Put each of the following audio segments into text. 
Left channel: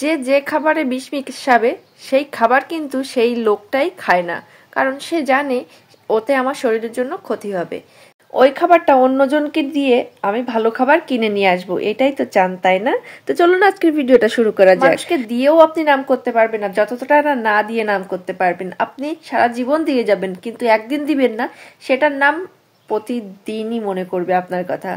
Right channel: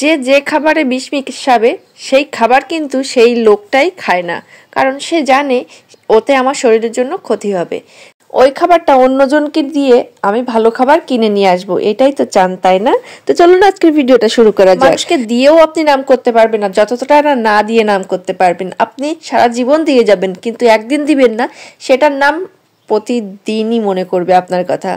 যে যে খাবারে বিষ মিশাবে সেই খাবার কিন্তু সেই লোকটাই খায় না, কারণ সে জানে ওতে আমার শরীরের জন্য ক্ষতি হবে। ওই খাবারটা অন্যজনকে দিয়ে আমি ভালো খাবার কিনে নিয়ে আসবো, এটাই তো চান, তাই না? তো চলুন আজকের ভিডিওটা শুরু করা যাক। মানুষকে দিয়েও আপনি নাম করতে পারবেন না যতটা না দিয়ে নাম করতে পারবেন। আপনি সারা জীবন দিয়ে যাবেন, কিন্তু একদিন দিবেন না, সেটার নাম প্রতিদিনই মনে করবে আপনার কথা।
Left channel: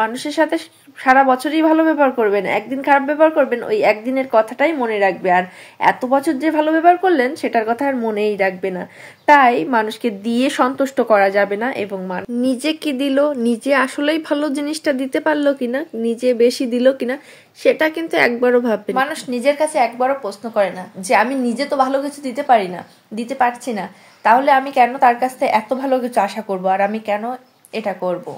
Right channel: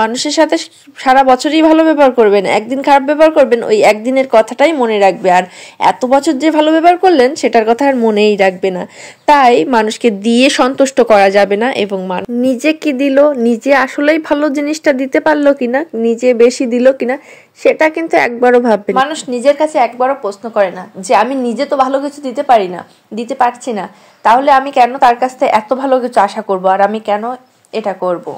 মানুষের সাথে সারা বছরই ভালো ব্যবহার করবেন, একদিন খারাপ ব্যবহার করবেন, ওই একদিনের কথাটাই মনে রাখবে। আর এত বছর যে ভালো ব্যবহার করলেন সেটার কথা আর মনেই রাখবে না। তাই মানুষকে দিয়ে সন্তুষ্ট করা যাবে না, এবং নিজে কি দিল, নিজে আসলেই ভালো জিনিসটা দিতে পারলো কিনা, নিজে বেশি দিল কিনা, সেটা কিন্তু একবারও ভাববে না। মানুষ নিজের কাছে একবারও প্রশ্ন করে না যে আমি নিজে তো ভালো কিছু দিতে পারি না, দিতে পারছি না, তাহলে আমি কেন তার কাছ থেকে এত ভালো কিছু আশা করব, আর আমি কেন এটা করব।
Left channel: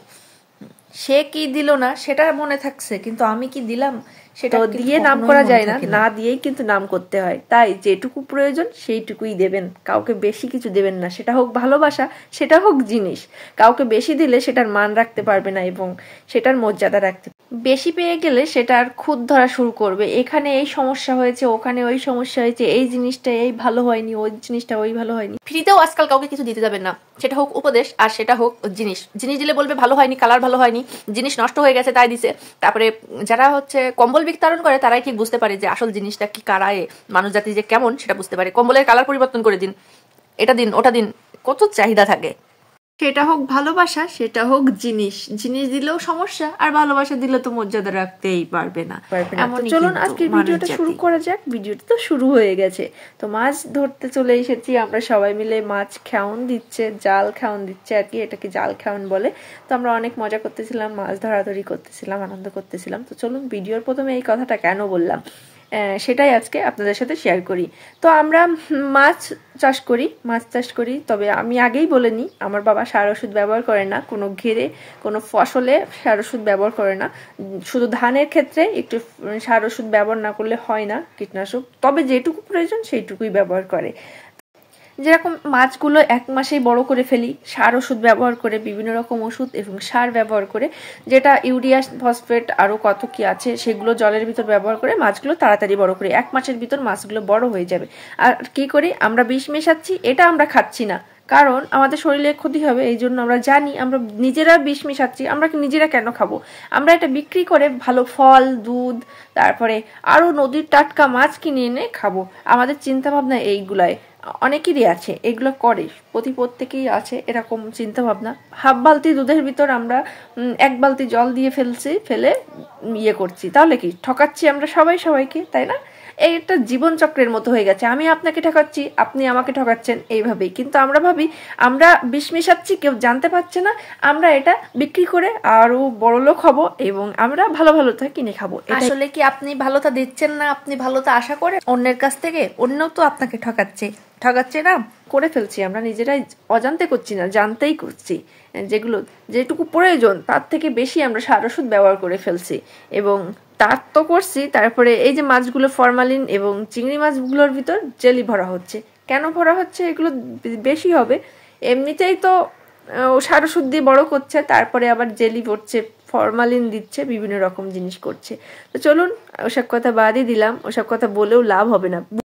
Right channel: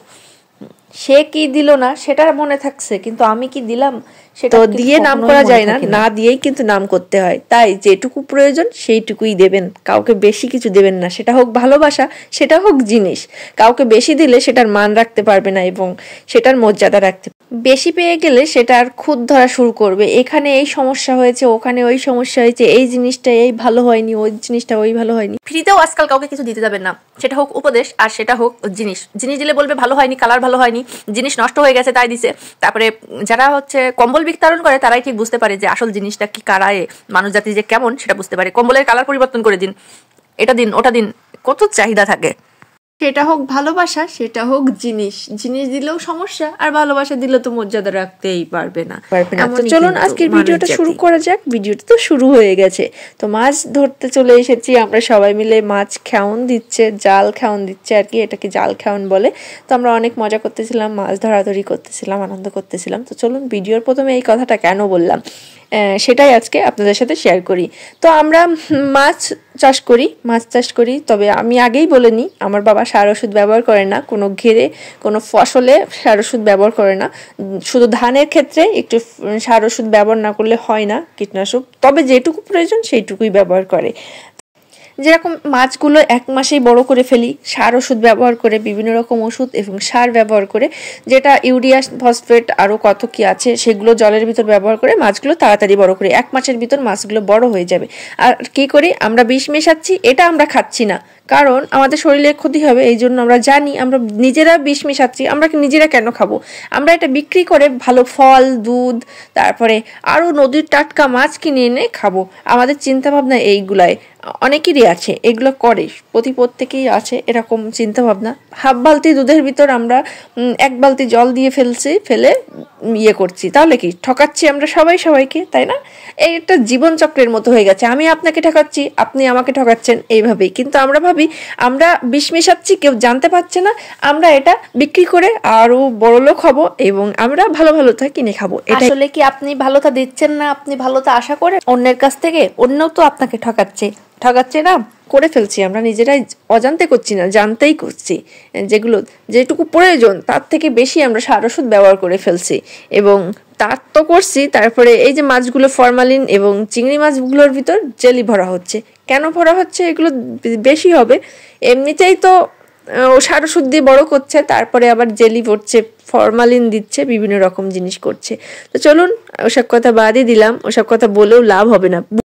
সে কি দিল না সেটা মনে থাকছে, কিন্তু আমি কি দিলাম সেটা দিয়ে নাম করা যায় না, না দিয়েই কিন্তু নাম করতে হয়। তাই যেটুকু প্রয়োজন সেইটুকুই দেবেন, কাউকে বেশি কিছু দেবেন না। সেটা হোক ভালোবাসা, সেটা হোক জিনিস। কাউকে বেশি দিলে সেটার মান রাখতে পারবে না এবং সেটার মর্যাদা রাখতে। বেশি পেয়ে গেলে সেটার খুঁত ধরা শুরু করবে, এখানে এই সমস্যা হয়েছে, ওখানে ওই সমস্যা হয়েছে, এই জিনিসটা এই ভালো হয়নি, ওই জিনিসটা ওই ভালো হয়নি। ফ্রিতেও আজকাল কাউকে কিছু দিতে যাবেন না, সেটা হোক উপদেশ আর সেটা হোক জিনিস। জিনিস দিলে বলবে ভালো হয়নি, কালার ভালো হয়নি, জিনিস নষ্ট হয়ে গেছে তাই দিছে। তারপরে যারা কম্বল বিতরণ করে তারাই ঠিক বুঝতে পারে যে আসল জিনিসটা কি কারায় মানুষ জাতি যে কেমন সেটা বুঝতে পারে। কম্বলের কালার পরিবর্তন করে দিন, এটা দিন ওটা দিন, কত চাহিদা থাকে। সেটা হোক ভালোবাসা, সেটা হোক জিনিস। জিনিস দিলেও সমস্যা, আর ভালোবাসা দিলে তো মর্যাদা রাখতেই পারবে না। তো চলুন আজকের ভিডিওটা শুরু করা যাক। ভিডিওটা তো শুরু হয়ে গেছে, তো মাছ ধরতে চলে এসেছি আমরা সবাই মিলে। মাছ খাওন দিচ্ছে, জাল খাওন দিচ্ছে আর কি, এটাকে জাল খাওন বলে। তো আমরা অনেক মজা করতেছিলাম, মাছ ধরাধরি করতেছিলাম, আনন্দ করতেছিলাম। তো চলুন ভিডিওর প্রথমে এই কথাটা কেন বললাম সেটাই আজকে আপনাদের সাথে শেয়ার করি। তো আমরা মাছ চাষ করি, তবে আমি আগেই বলে নিই, আমার বাবা সার ওষুধ ব্যবহার করে না, কোনো ঘেরে কোনো ফসলে সার ওষুধ ব্যবহার করে না। শুধু ধানের ক্ষেত্রে একটু সার ওষুধ ব্যবহার না করলে হয় না, কীটনাশক, তবে যেটুকু প্রয়োজন সেইটুকুই ব্যবহার করে। যেরকম মাছগুলো 1 মাসেই বড় করে ফেলি সার ওষুধ ব্যবহার করে, বিভিন্ন রকম ওষুধ এবং সার ব্যবহার করে, যেটা ইউরিয়া, ফসফেট আরও কত কি আছে সেগুলো জলের ভিতর ব্যবহার করে মাছগুলো তাড়াতাড়ি বড় করি। 1 মাসের ভিতর মাছগুলো বড় হয়ে যাবে। আর কি করি আমরা, বিষ মেশাচ্ছি, এটা আমরা খাচ্ছি না, কারণ আমাদের শরীরে ক্ষতি হবে। এই জন্য আমরা জানি আমরা নিজেরা বিষ মেশাচ্ছি, আমরা নিজেরা কেন খাবো? আমরা এটা বিক্রি করে ভালো ফল, দুধ, তারপরে আরও নদীর টাটকা মাছ কিনে এনে খাবো। আমাদের চিন্তাভাবনা এইগুলাই, অনেকেরই আছে, এগুলো করে, প্রত্যেকেই আছে এরকম চিন্তা ভাবনা। হাফ বালতি দুধের ভিতর আমরা 1 বালতি জল দিয়ে ফেলে করছি, তাহলে কি ঠকাচ্ছি আমরা সবাইকে, তাই না? এই একটা জীবন চক্রের মতো হয়ে গেছে, আমি আপনাকে ঠকাচ্ছি, আপনি আমাকে ঠকাচ্ছেন, এইভাবেই। কিন্তু আমরা ভাবি আমরা বিষ মেশাচ্ছি, কেউ জানতে পারছে না, আমরা এটা বিক্রি করে আরো বড়লোক হব এবং আমরা ভালোটা কিনে খাবো। আসলে কি আপনি ভালোটা দিচ্ছেন না, আপনি ভালোটা আশা করে অন্যের কাছ থেকে, অন্যও তো আপনাকে ঠকাচ্ছে না, করে ফেলছি আমরা নিজেরাই, অজান্তে করছি না, জানতেই করছি। যেটুকু প্রয়োজন তার থেকে বেশি আমরা সার ওষুধ ব্যবহার করে ফেলছি, এবং তার তো করছি। তারপরে এই যে মাছগুলো ফরমালিন এবং চিংড়ি মাছগুলোর ভিতর জেলি ভরা হচ্ছে, কেন ভরা হচ্ছে? এগুলো বেশি হবে, এমনিতেই তো সার ওষুধ দিয়ে বড় করছে, তারপরে আবার জেলি ভরছে, ফরমালিন দিচ্ছে, বিভিন্ন রকম জিনিস করছে। তো চলুন ওসব কথা বাদই দিলাম, ওসব কথা বলেও লাভ হবে না।